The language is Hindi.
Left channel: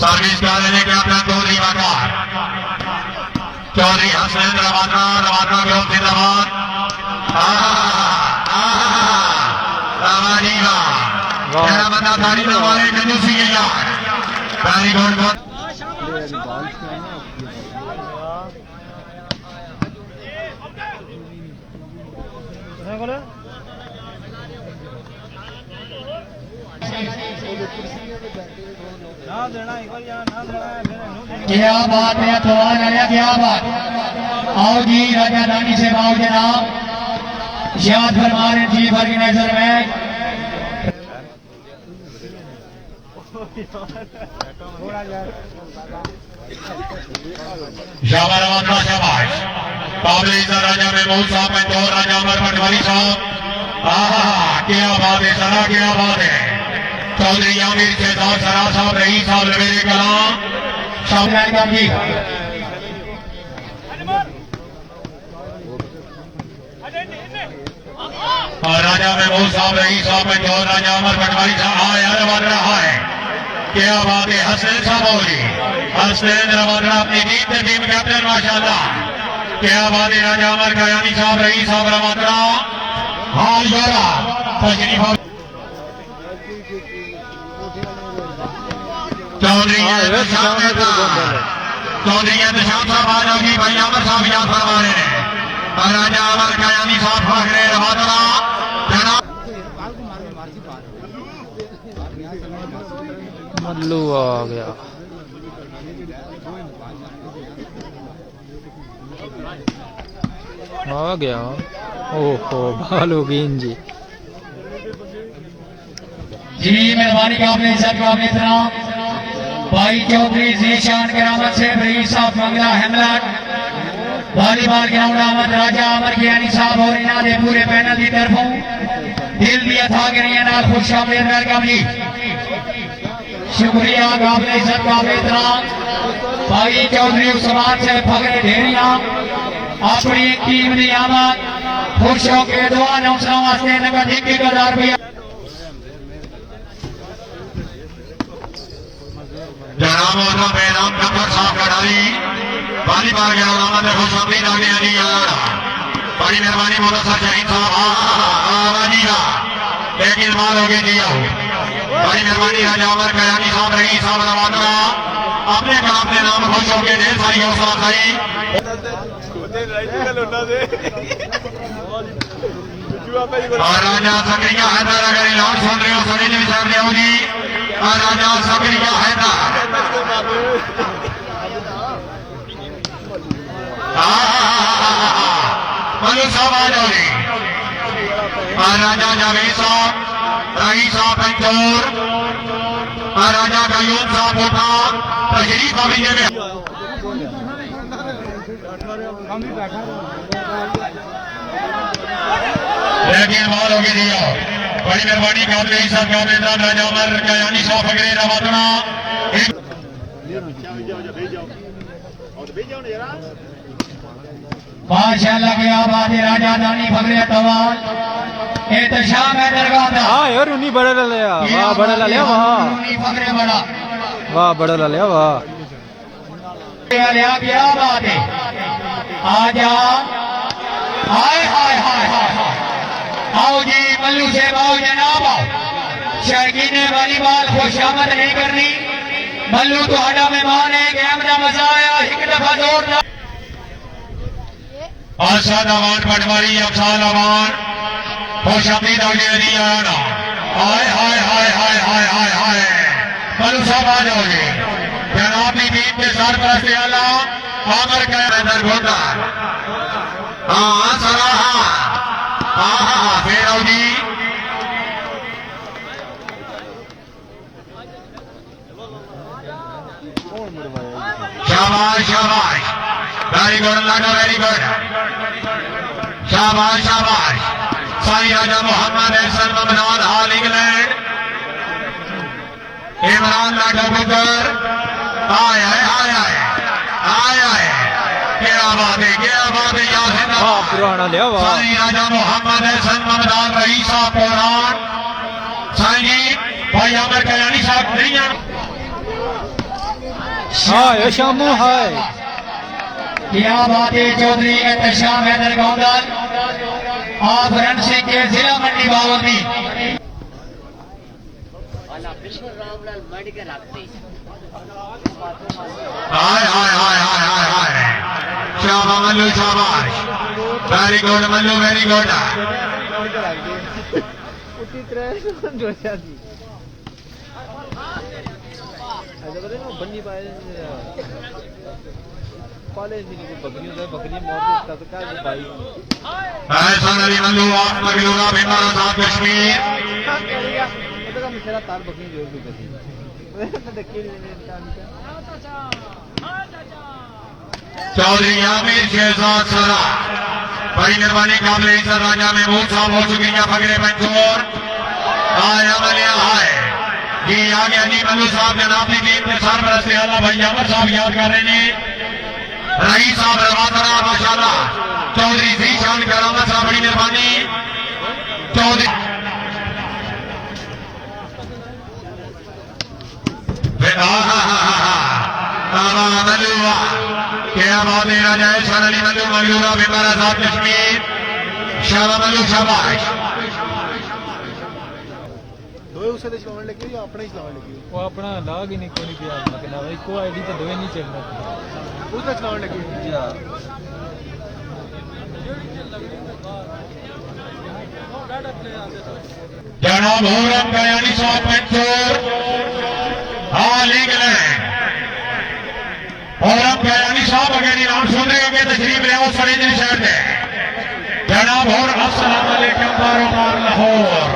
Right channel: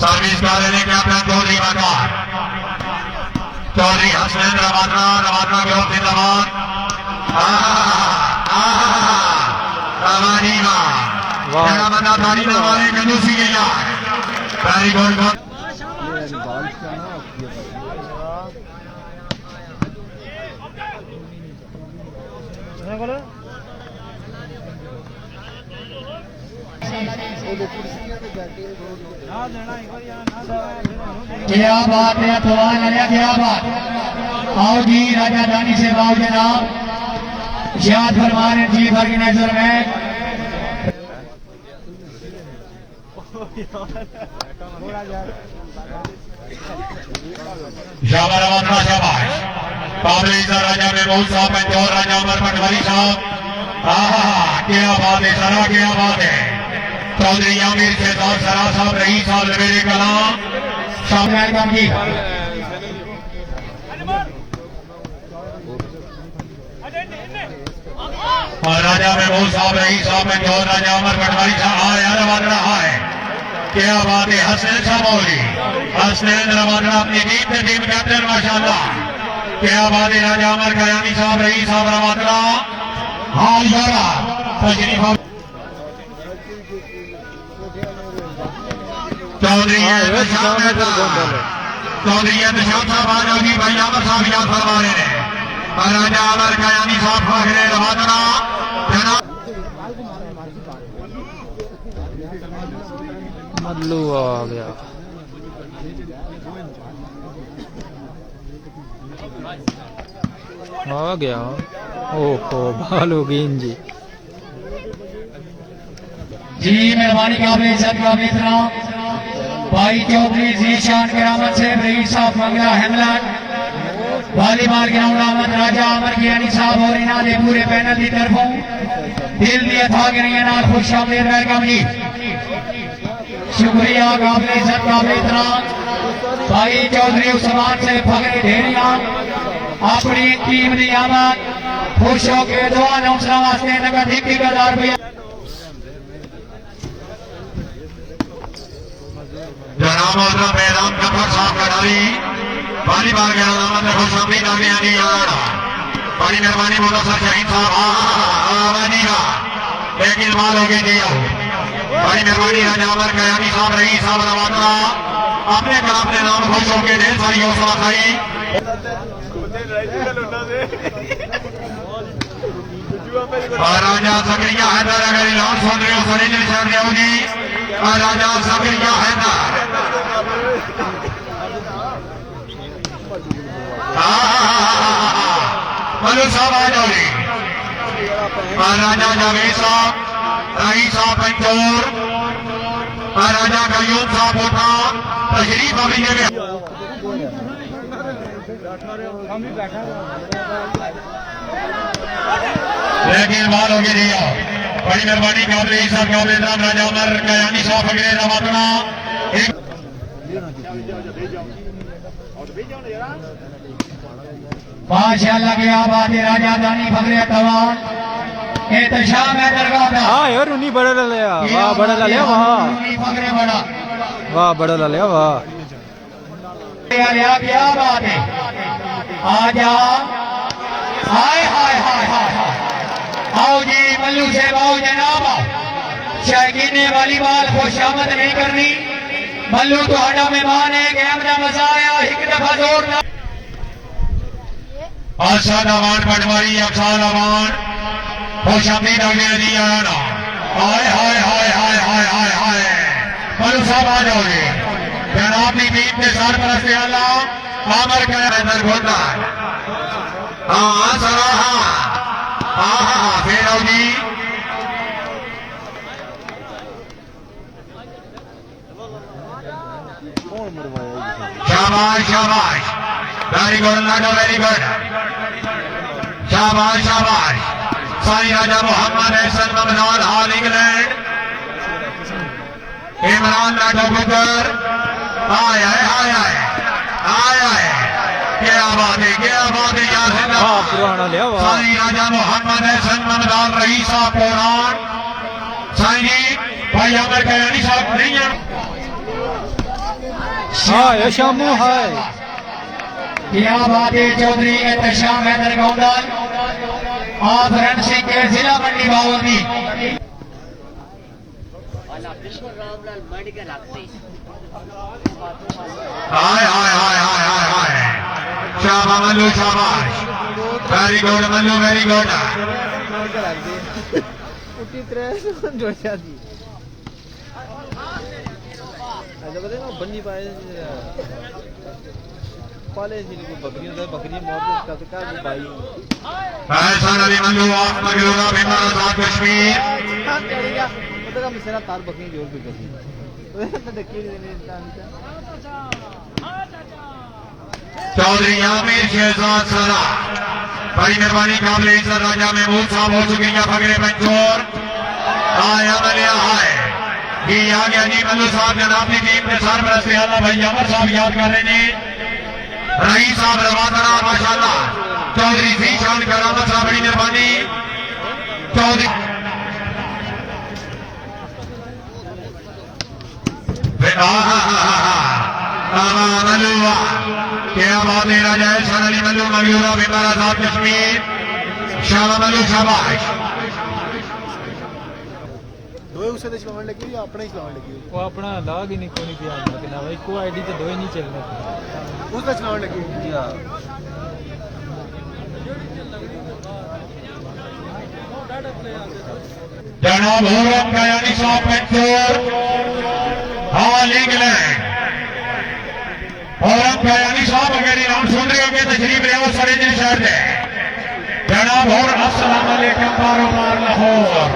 सर्विस क्या लेने के अपना चौधरी बाजार चौधरी हसन रवाना रवाना के ओर जिंदाबाद रवानीला क्या बता तारीफ हमारे जलूसी यार तारीफ क्या बात है तवान आया क्या बात आओ जी राजा रानी से आओ जनाब याद फरमा रहे जी भर की नजर में शाबाश रवाना शाबाश काबले राजा में बहुत साहब है और राजा अमर पटवारी साहब क्या बात है सरा क्या बात है चौधरी आमिर से सरा साहब रही साहब लड़े कला जी और राजा में बहुत साहब रही साहब में और राजा अमर पटवारी साहब यार बन रहा है क्या बात है हसन साहब होगी हसन रवाना अपनी जीत में टीम कैप्टन माशाल्लाह क्या बात है राजा अमर कयानी साहब रही साहब रवाना हाँ यारा चौधरी चौधरी साहब आज होगी भाई अमर साहब याद फरमा रहे हैं राजा अमर कयानी साहब फाखरे रवाना मल्लू आ गया ओहो भालूगीन जी जी मेहरबानी काबिल सब काबिल इतराम भाई चौधरी जीशान के नामत से रईस साहब मंगला हेमलन वॉलीबॉल ग्राउंड आमद राजा अमर कियानी साहब और इना दे पूरे पैनल की तरफों दिल दिया था कि नहीं ना खुश आमद काबिल शुक्रिया काबिल इज्जत काबिल इतराम भाई चौधरी समाज से फखरे ढेरिया अपनी टीम की आमद खुश होकर दुआ नौसरा वास्ते नगद 1,000 रुपया जनाब का पैराम का साफ कराई वॉलीबॉल के अलावा में खुश अमीर आगे नहीं आया बड़ी मेहरबानी मोहम्मद शहीद साहब लेकिन माल हो गया बड़ी मेहरबानी राजा अमर कयानी साहब रही साहब रवाना अपने कल अपने नाम खुश होकर ढेर सारी हौसला अफजाई और राजा सत्रिया हैदर अगर ऐलान सुन रही हो सलीम साहब ने होगी और राजा सत्रिया हैदर मलू साहब आ जाओगे राजा जावेद साहब रईस साहब पंचोर राजा कयूम साहब होता तशरीफ अभी लेने लेकिन माल हो गया बड़ी मेहरबानी काबिल साहब काबिल राजा अमर कयानी साहब फगरे रवाना माशाअल्लाह की आबाद राजा दानी फगरे कवाल एहतशाम है दरगाह दा हाँ यार उन्हीं बड़ा ला लिया वाह बड़ा ला लिया फगरे बड़ा वाह बड़ा ला लिया वाह क्या बात है आजा हाय हाय हाय हाय आओ जी मल्लू से आओ जनाब शौकीन ने वॉलीबॉल खुशामद नहीं करनी मल्लू तो आजा मेहमान है गेम का मजा आया एक दफा जोर अरशद अमान पटवारी अफसाल अमान खुश अमीद आगे नहीं आना हाय हाय हाय हाय हाय हाय हाय मल्लू साहब आ जाओगे जनाब की टीम के सरपरस्त आला आमर का अंदर घोटा हाँ सरा हाँ फिर आओ जी शाबाश शाबाश वेरी गुड लाडो वेरी गुड शाबाश शाबाश साई राजा मोहम्मद एहसन ममनौद हाल इंग्लैंड इमरान लाडो बुकर आए आए आए आए आए आए क्या बात है हाँ पुराना लिया वाह साई राजा मोहम्मद एहसन ममनौद रईस साहब पुरान साई भाई आमिर कयानी साहब नहीं है हाय शामू हाय क्या बात है चौधरी श्याम हैदर गौंडल आप रण सिंह के जिला मंडी बावली वाला बिल्कुल रामलाल मंडी के रखते हाय हाय हाय हाय हाय हाय शाबाश मल्लू शाबाश very good Mallu very good एहसान अली मल्लू आप मगरूरा भिंडारा साहब कश्मीर चौधरी आमिर शहजाद सरा बड़ी मेहरबानी काबिल इज्जत राजा में मूड साहब हो चुके हैं फगरे पंचोर आया बलिया है ये आगे अली मल्लू साहब जनाब की टीम के सरपरस्त से अल्लाह भाई अमर साहब याद कर रहे हैं रईस साहब रवादरा माशाल्लाह चौधरी जीशान करामत साहब बड़ी मेहरबानी चौधरी मल्लूवा क्या बात है राजा एहसान अली मल्लू मल्लूरा भिंडारा साहब कश्मीर शाबाश मल्लू शाबाश वो अपना अंदाज ही नहीं कोई नहीं किया मतलब एक आईडी तो दो ही नहीं चलना जनाब होरम कयानी साहब पंचोर ऑल इंग्लैंड होरम कयानी साहब अगर नाम सुन रहे होंगे तशरीफ ले आओ सरेंद्र शहर से जनाब और अस्सलाम वालेकुम कारोबार लाहौर